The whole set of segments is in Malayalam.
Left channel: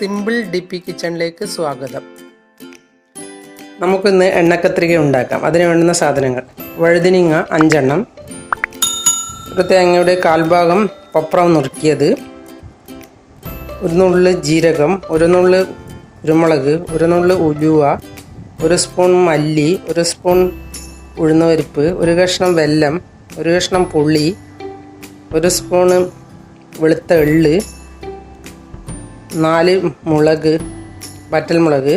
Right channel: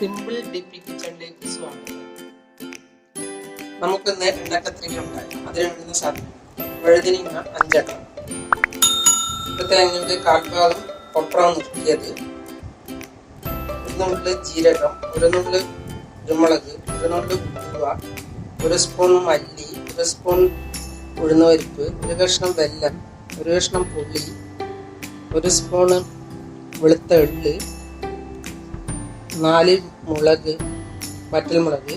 സിമ്പിൾ ഡിപ്പി കിച്ചണിലേക്ക് സ്വാഗതം. നമുക്കിന്ന് എണ്ണക്കത്രിക ഉണ്ടാക്കാം. അതിന് വേണ്ടുന്ന സാധനങ്ങൾ: വഴുതിനിങ്ങ 5 എണ്ണം, ഒരു തേങ്ങയുടെ കാൽഭാഗം പപ്പടം നുറുക്കിയത്, ഒരു നുള്ള് ജീരകം, ഒരു നുള്ള് കുരുമുളക്, ഒരു നുള്ള് ഉലുവ, ഒരു സ്പൂൺ മല്ലി, ഒരു സ്പൂൺ ഉഴുന്നുപരിപ്പ്, ഒരു കഷ്ണം വെല്ലം, ഒരു കഷ്ണം പുളി, ഒരു സ്പൂണ് വെളുത്ത എള്ള്, 4 മുളക്, വറ്റൽമുളക്,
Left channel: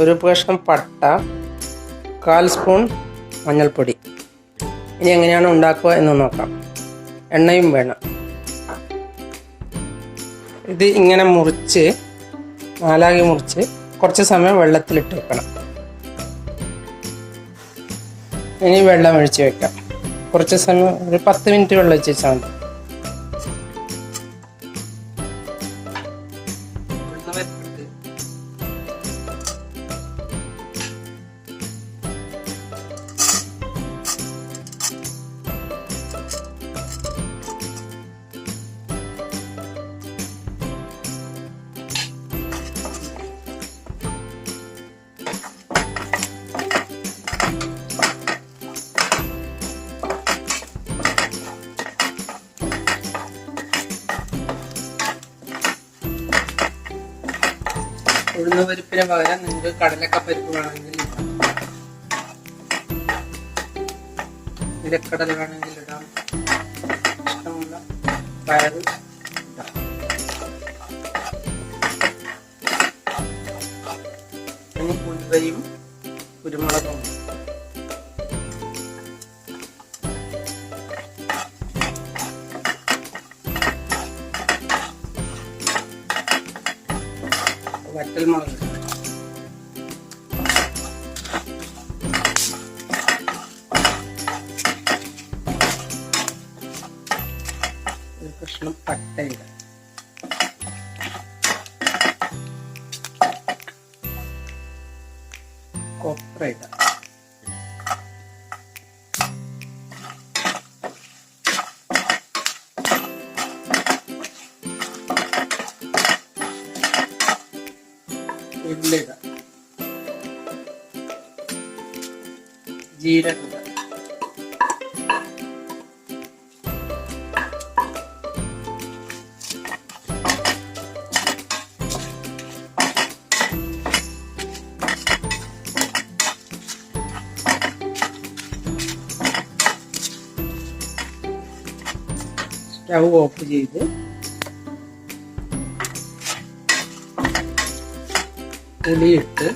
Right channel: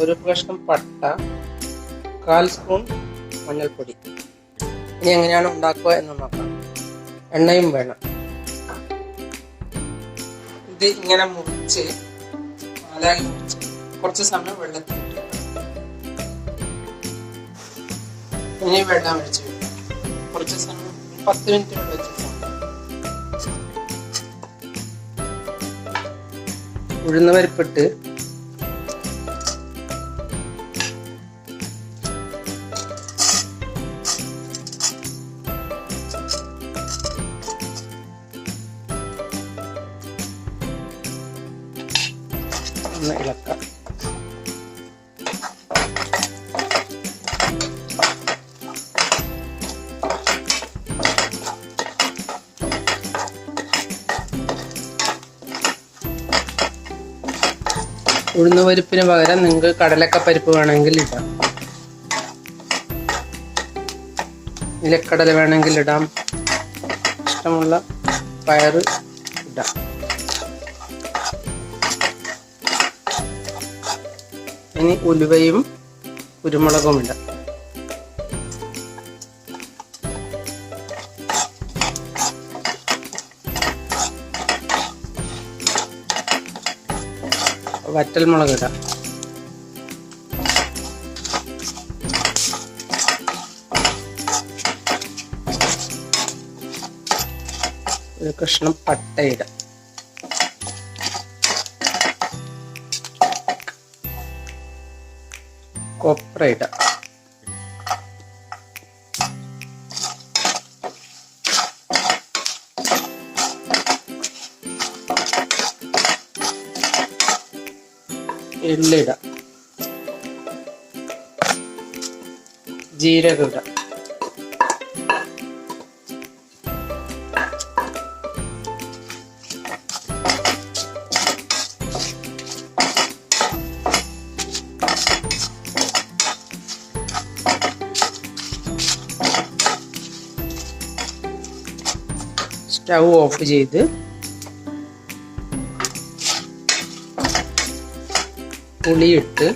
ഒരു കഷ്ണം പട്ട, 1/4 സ്പൂൺ മഞ്ഞൾപ്പൊടി. ഇനി എങ്ങനെയാണ് ഉണ്ടാക്കുക എന്ന് നോക്കാം. എണ്ണയും വേണം. ഇത് ഇങ്ങനെ മുറിച്ച് 4 മുറിച്ച് കുറച്ച് സമയം വെള്ളത്തിലിട്ട് വെക്കണം. ഇനി വെള്ളം ഒഴിച്ച് വെക്കാം. കുറച്ച് സമയം, ഒരു 10 മിനിറ്റ് വെള്ളം ഒഴിച്ച് വെച്ചാൽ മതി. ഉഴുന്ന പരിപ്പിട്ട് ഇളക്കാം. ഉഴുന്നുപരിപ്പിന് പകരം നിങ്ങൾക്ക് കടലക്കപ്പരിപ്പ് വേണമെങ്കിൽ ഇടാം, നിലക്കടല വേണമെങ്കിൽ ഇടാം, ഇഷ്ടമുള്ള പയറ് ഇടാം. ഇനി ഉലുവയും കുരുമുളകും ഇടാം. വറ്റൽമുളക് ഇടാം. ഒരു കഷ്ണം പട്ട ഇടാം. കൊപ്ര ഇടാം. എള്ളിടാം. ജീരകം ഇടാം. സ്റ്റൗ ഓഫ് ചെയ്ത് പുളിയിട്ട്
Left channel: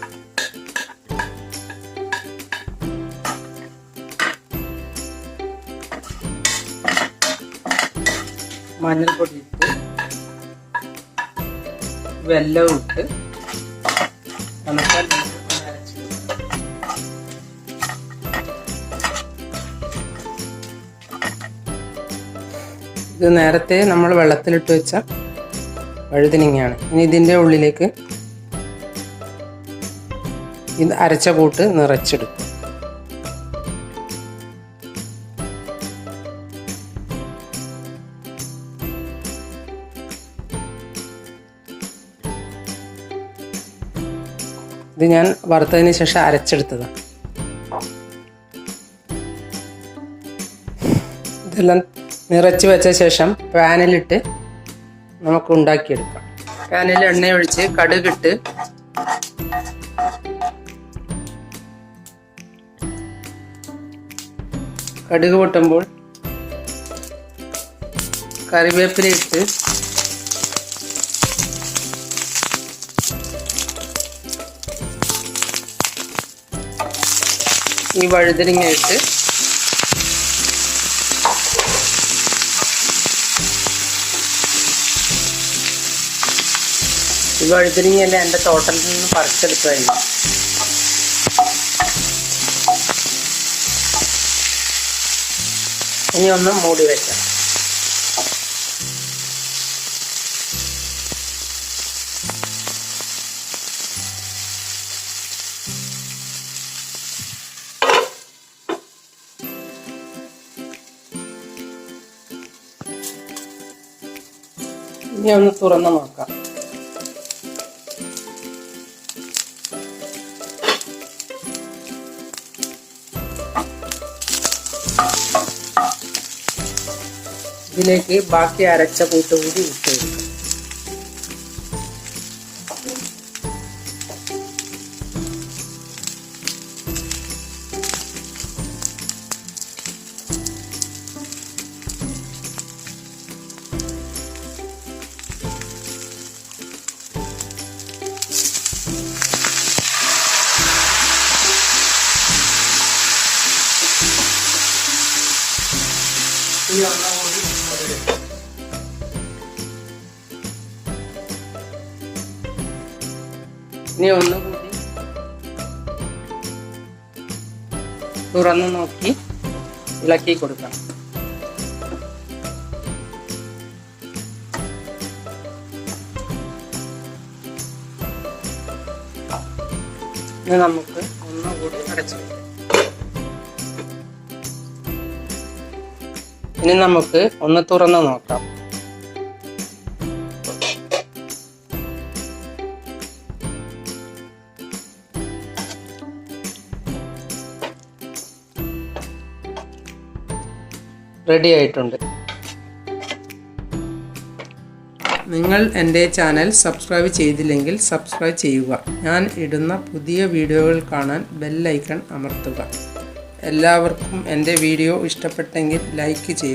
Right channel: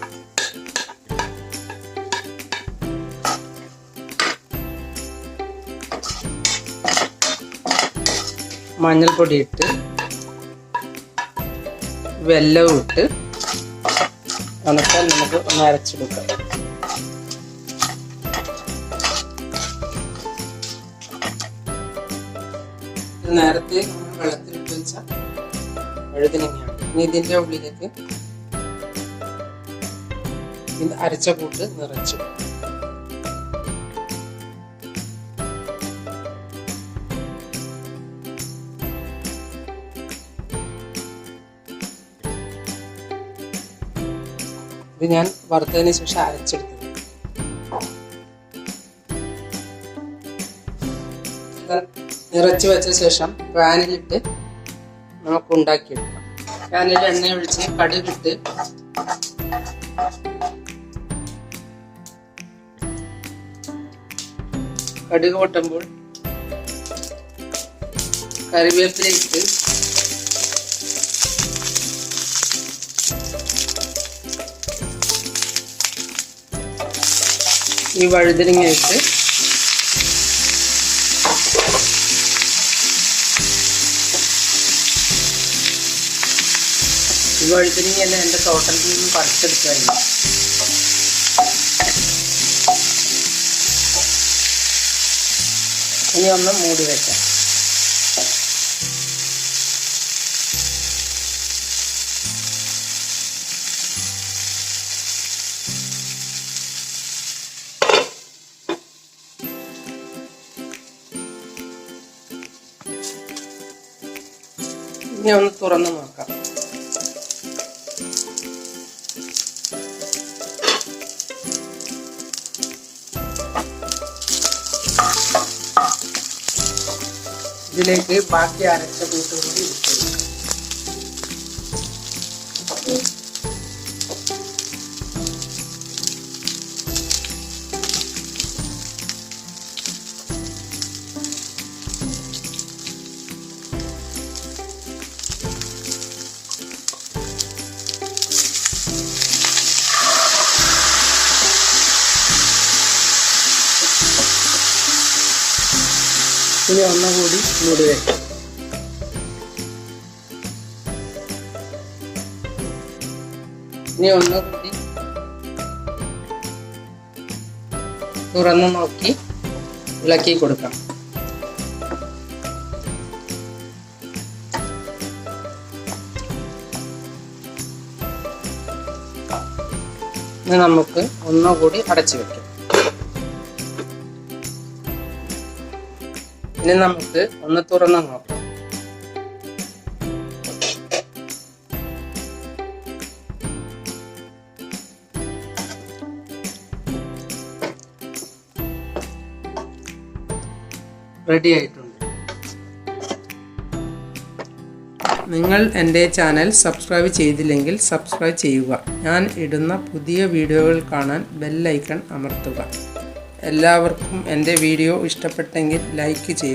മഞ്ഞൾപ്പൊടി ഇട്ട് വെല്ലവും ഇട്ട് ഉണക്കാൻ നമുക്ക് ഒന്ന് അരച്ചെടുക്കാം. ഇത് നേരത്തെ നമ്മൾ വെള്ളത്തിലിട്ട് വെച്ച വഴുതിനിങ്ങയാണ്. ഇനി ഇതിൻ്റെ ഉള്ളിലേക്ക് ഇത് അരച്ച കൂട്ട് നിറച്ചെടുക്കും. ഇത് ഞാൻ വറുത്തതിന് ശേഷം അരച്ചെടുത്തതാണ്. ഇതെല്ലാം നിറച്ച് വെച്ച ശേഷം പാനിലിട്ട് നമുക്ക് ഉണ്ടാക്കിയെടുക്കാം. പാനിൽ എണ്ണ ഒഴിച്ച് കടുകിട്ട് കടുക് പൊട്ടുമ്പോൾ കറിവേപ്പില ഇട്ട് ഈ വഴുതനങ്ങ ഇട്ട് ഈ വഴുതനങ്ങയല്ല എൻ്റെ തോട്ടത്തിൽ നിന്ന് പറിച്ചെടുത്തതായിരുന്നു. ഇനി ഒന്ന് മൂടി വെക്കാം. ഇനി ഒന്ന് തുറന്ന് നോക്കാം. ഇതിലേക്ക് ബാക്കി അരച്ച കൂട്ട് കൂടി ഇട്ട് കൊടുക്കാം. ഇനി എല്ലാം കൂടി മൂടി വെക്കാം. ഇനി ഒന്നുകൂടി തുറന്ന് നോക്കി ഇളക്കി കൊടുക്കാം. ഇനി നമുക്ക് ഒന്നുകൂടി അടച്ചു വെക്കാം. ഇനി നമുക്ക് ഒന്ന് തുറന്ന് നോക്കാം. റെഡി ആയിട്ടുണ്ട്. നിങ്ങൾ എൻ്റെ ചാനൽ സബ്സ്ക്രൈബ് ചെയ്തില്ലെങ്കിൽ സബ്സ്ക്രൈബ് ചെയ്യുക. ഞാൻ ഇടുന്ന പുതിയ വീഡിയോകൾ കാണാൻ ബെൽ ഐക്കൺ അമർത്തുക. എല്ലാവർക്കും എൻ്റെ വീഡിയോ ഇഷ്ടപ്പെട്ടെങ്കിൽ ലൈക്ക് ചെയ്യുക.